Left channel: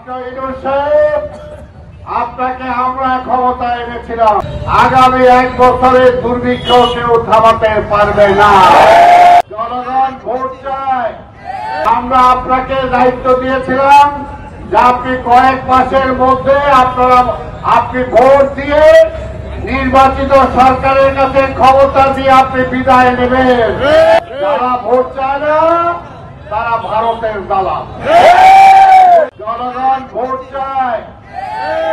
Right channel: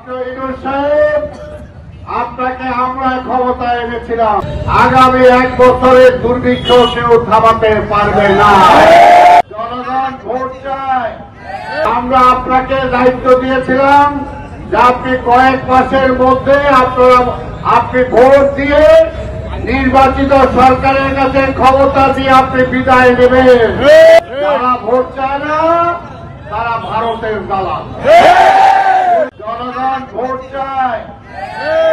Doctor Yunus সাহেব, আপনাকে আমরা ক্ষমতায় এনেছিলাম। আগামী 1 বছরের দুর্ভিক্ষ কেউ থামাতে পারবে না। জনগণ ভোট চায়। আমরা আপনাকে দায়িত্ব দিয়েছিলাম যে আপনি কয়েক মাসের মধ্যে আপনি ভোট দিয়ে নির্বাচিত সরকারের কাছে ক্ষমতা দিয়ে আপনি বিদায় নেবেন। যারা ভোট চায় না তারা ভারতের দালাল। জনগণ ভোট চায়।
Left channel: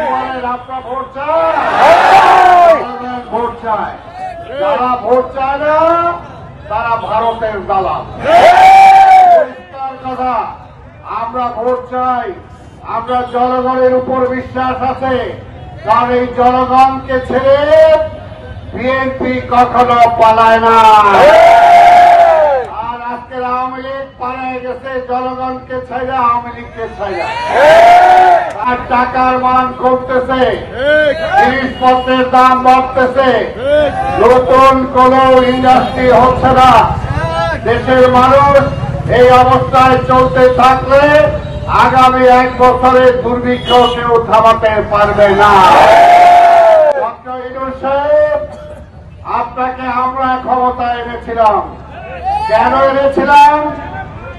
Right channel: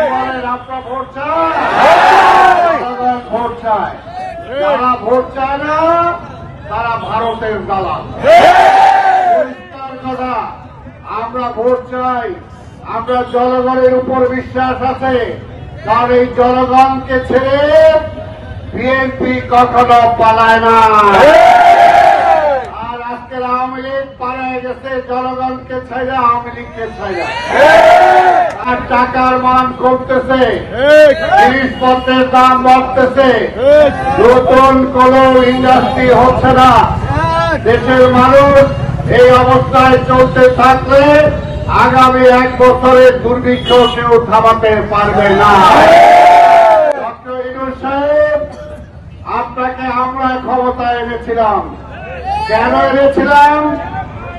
বলেন আপনারা ভোট চায়? জনগণ ভোট চায়। যারা ভোট চায় না তারা ভারতের দালাল। পরিষ্কার কথা, আমরা ভোট চাই। আমরা জনগণের উপর বিশ্বাস আছে, কারণ এই জনগণকে ছেড়ে বিএনপি কখনো পালায় না। আর আজকের আওয়ামী লীগ পালায় গেছে জনগণকে ছেড়ে, আওয়ামী লীগকে ছেড়ে। আর টাকার মান কমতেছে, জিনিসপত্রের দাম বাড়তেছে, নতুন কোন ইন্ডাস্ট্রি হচ্ছে না। দেশের মানুষ এই অবস্থায় চলতে থাকলে আগামী 1 বছরের দুর্ভিক্ষ কেউ থামাতে পারবে না। ডক্টর ইউনূস সাহেব, আপনাকে আমরা ক্ষমতায় এনেছিলাম। কেন এনেছিলাম?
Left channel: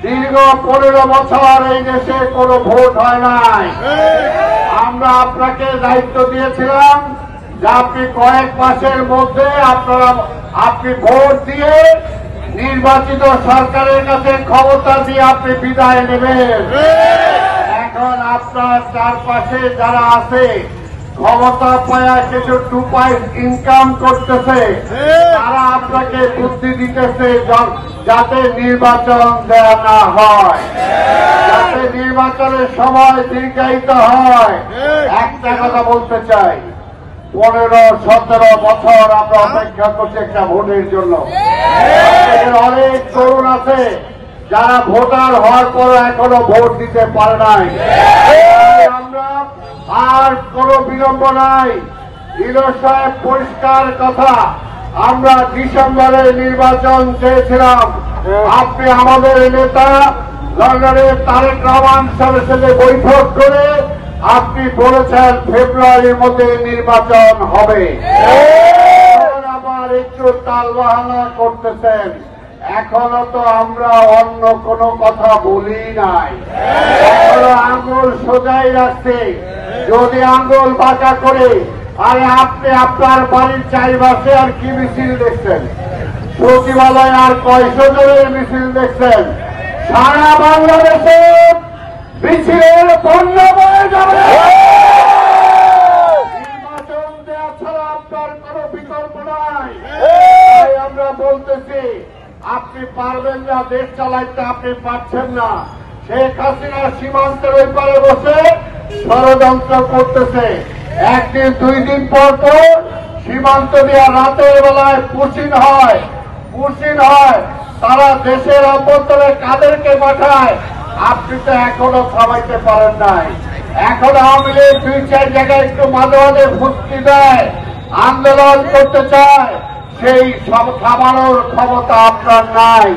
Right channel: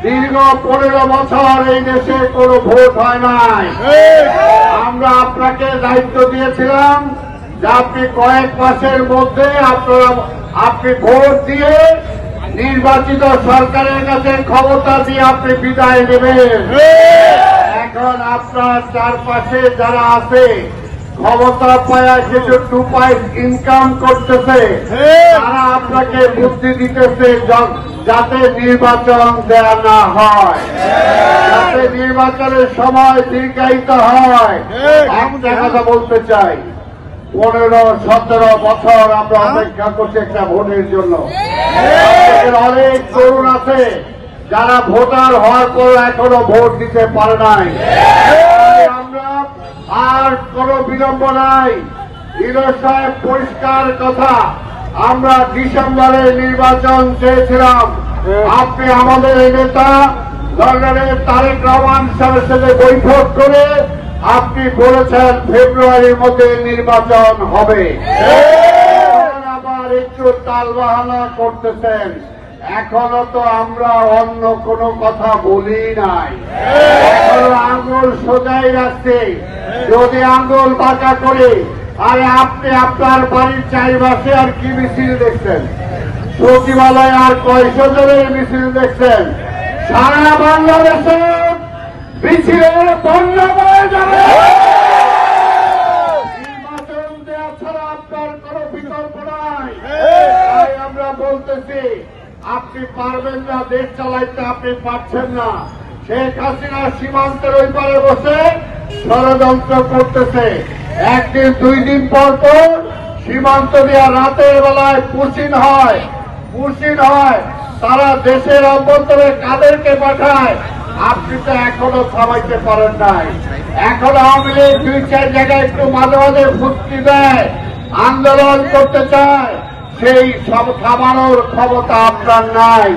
দীর্ঘ 15 বছর এই দেশে কোনো ভোট হয় নাই। আমরা আপনাকে দায়িত্ব দিয়েছিলাম যে আপনি কয়েক মাসের মধ্যে আপনি ভোট দিয়ে নির্বাচিত সরকারের কাছে ক্ষমতা দিয়ে আপনি বিদায় নেবেন। এখন আপনার চারপাশে যারা আছে, ক্ষমতা পায়া কিছু 2 পয়েন্ট ইনকাম করতেছে, তারা আপনাকে বুদ্ধি দিতেছে যাতে নির্বাচন দেওয়া না হয়, যাতে নির্বাচনের সময় দীর্ঘায়িত হয়। একটা কথা বলতে চাই, 15-17 বছর আমরা অপেক্ষা করছি একটা ভোটের জন্য। অনেক তরুণ আছে যারা ভোটার হওয়ার পর এখনো ভোট দিতে পারে নাই। আমরা আর কোন বিলম্ব নাই। ইউনূস সাহেব, পরিষ্কার কথা, আমরা ডিসেম্বরে নির্বাচন চেয়েছিলাম। আপনি আমাদের নেতা লন্ডনের তারেক রহমান সাহেবের সাথে বৈঠক করে আপনি বলেছেন ফেব্রুয়ারির মধ্যে নির্বাচন হবে। আবার একটু তালবাহানা করতেছেন। এখনো তো আমরা অন্য কোন কথা বলি নাই। এখনো আঙ্গুল সোজাই রাখছে। যদি আঙ্গুল বাঁকা করে, আরে আপনি আপনার বাড়ির চারিপাশে আর কি মিছিল দেখছেন? সচিবালয় আর কয়শো জনের মিছিল দেখছেন? সারা বাংলাদেশে মিছিলের বন্যা বয়ে যাবে। নির্বাচন দেওয়া ছাড়া আপনার কোন বিকল্প নাই। তাই আমরা বলতেছি, আপনি পারবেন না, দেশ চালাইতে আপনি পারছেন না। শেখ হাসিনা সীমান্তের ওই পারে বসে ষড়যন্ত্র করতেছে। 1 দিন 2 দিন পর পর সীমান্ত দিয়ে রাতের বেলায় পুশিন হয়। তারা দেশের অভ্যন্তরে কাদেরকে পাঠায়? আপনি তো এখনো থামাইতে পারেন নাই। এখন আওয়ামী লীগ 2-4 জায়গায় একটু মাঝে মাঝে ফুসকি দেয়, আন্দোলন করতে চায়, সেই সব থামানোর ক্ষমতা আপনার নাই।